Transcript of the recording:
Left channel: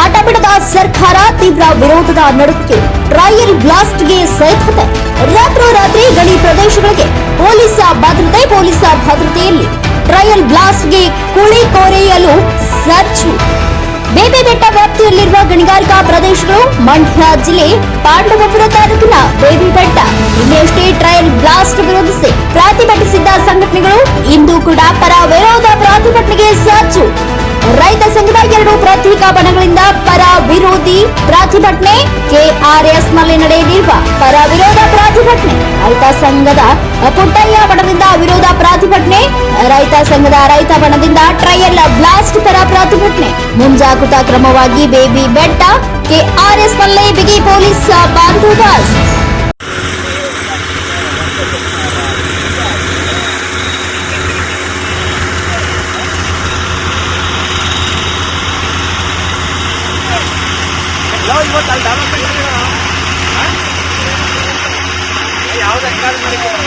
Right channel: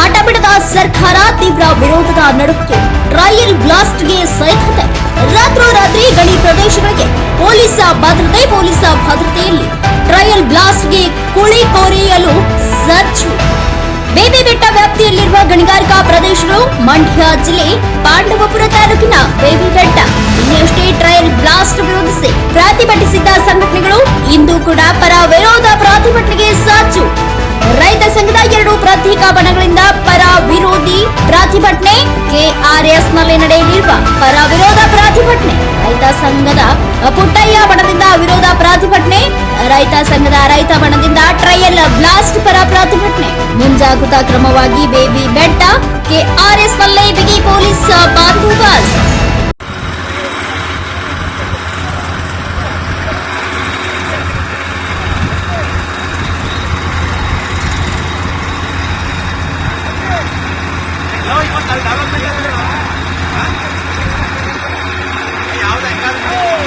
ಹಠ ಬಿಡದ ಸರ್ಕಾರ ತೀವ್ರ ವಿರೋಧದ ನಡುವೆ ಟ್ರಯಲ್ ಬ್ಲಾಸ್ಟ್ಗೆ ಸೈಕತೆ ರಾತ್ರೋರಾತ್ರಿ ಗಣಿ ಪ್ರದೇಶಗಳಿಗೆ ಪೊಲೀಸ ಭದ್ರತೆ, ಪೊಲೀಸ ಭದ್ರತೆಯಲ್ಲಿ ಟ್ರಯಲ್ ಬ್ಲಾಸ್ಟ್ಗೆ ಕುಳಿ ಕೊರೆಯಲು ಸಜ್ಜು ಬೇಬಿ ಬೆಟ್ಟ ವ್ಯಾಪ್ತಿಯಲ್ಲಿರುವ ಗಣಿಗಾರಿಕಾ ಪ್ರದೇಶಗಳು ಮಂಡ್ಯ ಜಿಲ್ಲೆ ಪಾಂಡವಪುರ ತಾಲೂಕಿನ ಬೇಬಿ ಬೆಟ್ಟ. ಇನ್ನೆಷ್ಟೇ ಟ್ರಯಲ್ ಬ್ಲಾಸ್ಟ್ ವಿರೋಧಿಸಿ ಪ್ರತಿಭಟಿಸಿದ್ದ ಸಂಘಟನೆಗಳು ಇಂದು ಕೂಡ ಪರ ವಿರೋಧ ಪ್ರತಿಭಟನೆಗೆ ಸಜ್ಜು ಎರಡು ಪ್ರತ್ಯೇಕ ಬಣಗಳಿಂದ ಪರ ವಿರೋಧಿ ಪ್ರತಿಭಟನೆ ಕೆಆರ್ಎಸ್ನಲ್ಲಿ ನಡೆಯಲಿರುವ ಪರ ವಿರೋಧ ಪ್ರತಿಭಟನೆ. ರೈತ ಸಂಘದ ಪುಟ್ಟಯ್ಯ ಬಣದಿಂದ ವಿರೋಧ ಪ್ರತಿಭಟನೆ, ರೈತ ಸಂಘದ ರೈತ ಬಣದಿಂದ ಟ್ರಯಲ್ ಬ್ಲಾಸ್ಟ್ ಪರ ಪ್ರತಿಭಟನೆ. ಮುಂಜಾಗ್ರತಾ ಕ್ರಮವಾಗಿ ಬೇಬಿ ಬೆಟ್ಟ ಕೆಆರ್ಎಸ್ ನಲ್ಲೇ ಬಿಗಿ ಪೊಲೀಸ್ ಬಂದೋಬಸ್ತ್. เดี๋ยวเดี๋ยว